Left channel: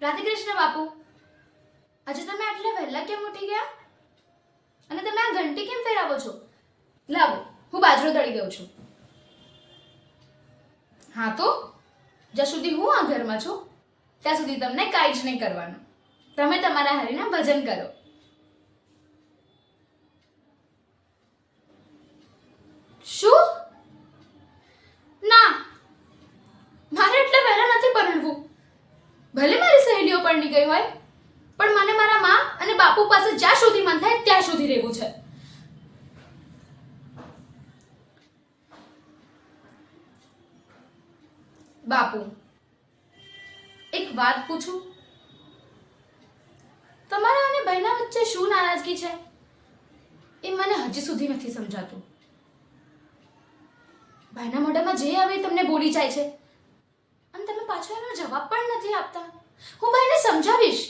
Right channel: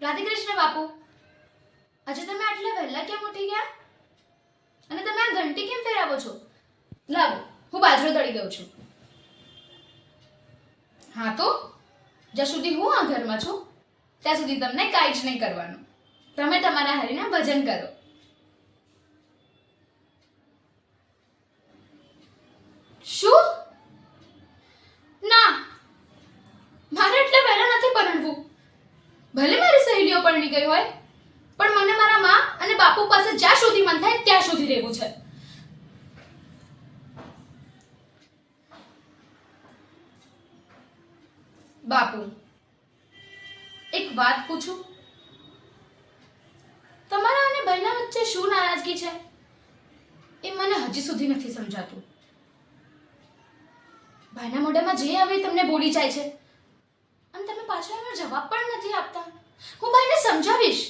રાધે કૃષ્ણ બાપુ, આજે તમે આટલા વહેલા કેમ ઉઠી ગયા? અને તમે આ ઘંટી કેમ ફેરાવો છો? લાવો, હું બાજરો દળી દઉં છું. હા તો જ્યાં સુધી હું આ ઘરમાં છું ત્યાં સુધી તમને કાંઈ જ નહીં કરવાનું. તમે તમારા હરિના ભજન કરો. શું? ના, મારે એટલે વહેલા નથી પરણવું. ભલે મારી સહેલીઓ પરણી ગઈ હોય, પણ મને મારા માં અને બાપુ પાસે જ્યાં સુધી મન થાય ત્યાં સુધી રહેવું છે. બાપુ, એક વાત પૂછું? તમારા અને બહેના વચ્ચે શું નારાજગી છે એ મને હજી સુધી નથી સમજાતું. ભાઈના મોઢામાં જે આવે તમને બોલી જાય છે અને તમે પાછો એનો જવાબ પણ નથી આપતા. હું ભાઈને સમજાવીશ,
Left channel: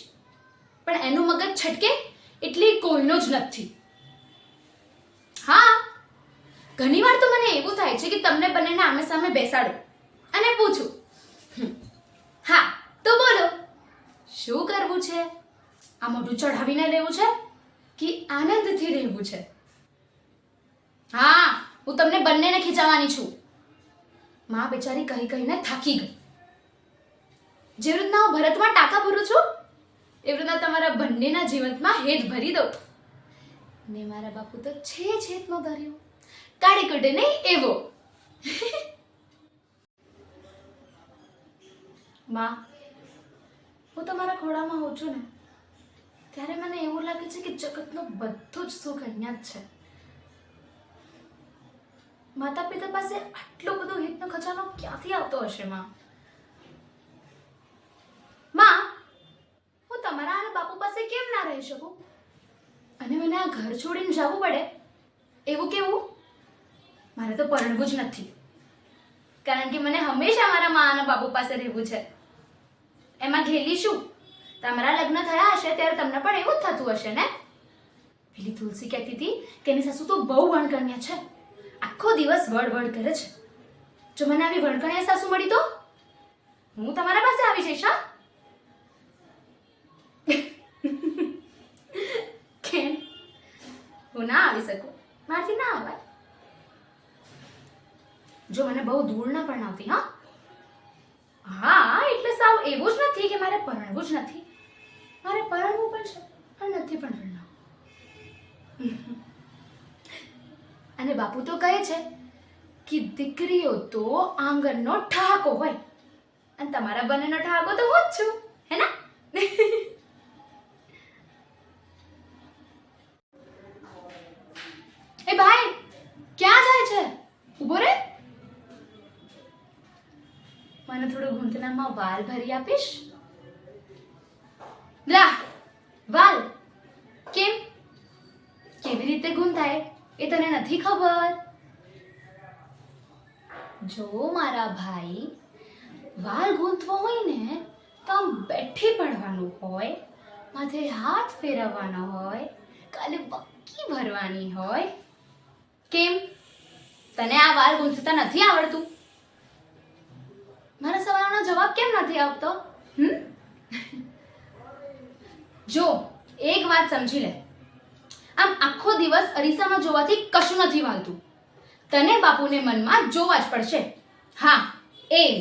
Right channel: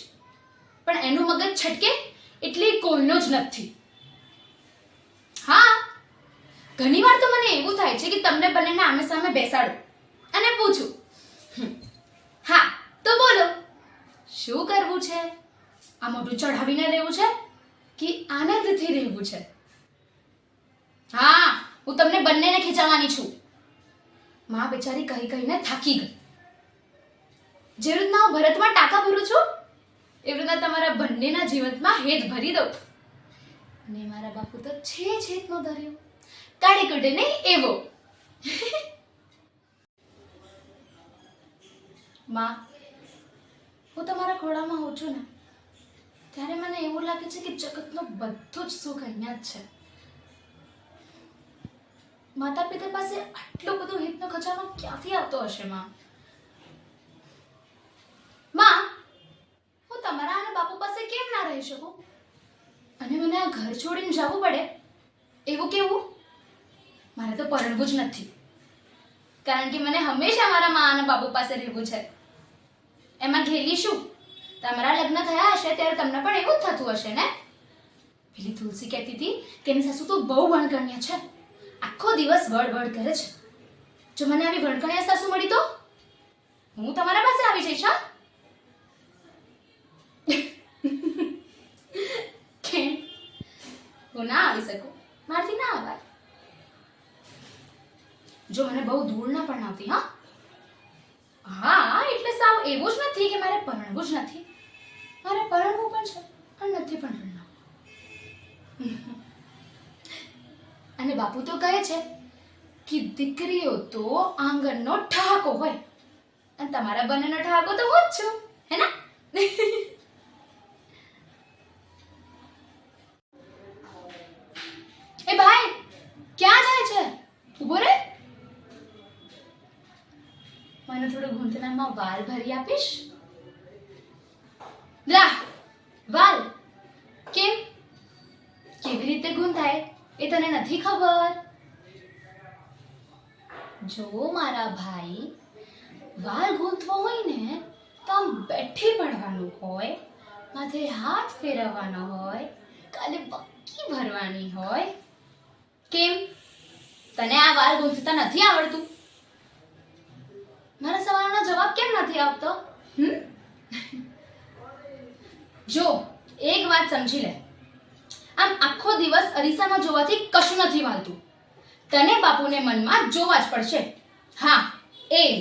પણ એનું મગજ છટકે એટલે કોઈનો જ નથી. હા, ઘણીવાર તો મને એવું થાય છે કે તમને બંનેને આમે સામે બેસાડું અને પૂછું, હા તો બોલો, શું કરવું છે? આ મોઢું ચઢાવીને રહેવું છે કે આનંદથી રહેવું છે? હા, હું તમને બંનેને ખીચાવવાની છું. માં બેચારી કહી કહીને થાકી ગઈ. જે રીતના હું ભરતમાં ટાંકા ભરું છું એવી રીતના તમારા બંનેના જીવનમાં હેત ભરી દઉં. ને મારા બાપુ તો છેતનો ધર્યો, કાળી કુટે નહીં એવો. માં, હું તમારા ખોળામાં હોઉં છું ને ત્યારે મને એવું લાગે છે કે જગતનો બધો જ સુખ અહીંયા જ છે. માતા પિતા પાસે આટલો બધો હિતનો ખજાનો ક્યાંથી આવતો હશે? માં, હું તમારા અને બાપુ પાસે કેમ ના રહી શકું? અને મને આ ઘર છોડીને જવું પડે એવું કેવું? મારે તો પરણવું જ નથી, કારણ કે મને હંમેશા મારા મા અને બાપુ પાસે રહેવું છે. એમાં ઘેલી શું? તમારા લગ્ન થયા હશે ત્યારે તમને પણ એવું જ થતું હશે ને? પેલી તુલસી કહેતી હતી કે એની સાસુ તો બહુ વણકણ્યા છે, આખો દિવસ વડ કરે છે. જો મને આવી વણકણ્યા સાસુ મળી તો હું તમારા પાસે આવી જઈશ. હા, કેમ હું ના આવી શકું? મારથી ના આવાય. જો મને બહુ દૂર ના પણ આવતી. હા, એટલે સાવ એવું જ નથી કે મારે પરણવું જ નથી. મારે પરણવું પણ છે પણ નથી પણ પરણવું. અને બાપુ તો કહે છે કે દીકરીઓ તો આંગણનો ઠહાકો હોય, અને તમારા બંનેનો ઠહાકો તો હું જ છું, હે ને? એ ભાઈ, ક્યાં જાય છે? ઉભો રે. મને થોડું ઘૂંટણામાં વાલ ભરી આપીશ? લા, વાલ કેમ કેવી રીતે ગૂંથાય એ તને નથી ખબર? જો મારા ભાઈ, વાલ ગૂંથવો હોય ને તો આમ બેઠી પડવાનું હોય, માથે હાથ ફેરવવાનો હોય, કાલે બક્કી ભરવાની હોય. કેમ તને આ વાલ ગૂંથતા નથી આવડતું? મારા સવાલનો જવાબ કેમ નથી આપતો? જો એક વાત સમજી લે, આમ આખો દિવસ અરીસામાં જોવાથી કશું નથી વાલતું. તને બાપુને મનમાં જોવા જ પડશે. હા, એમ.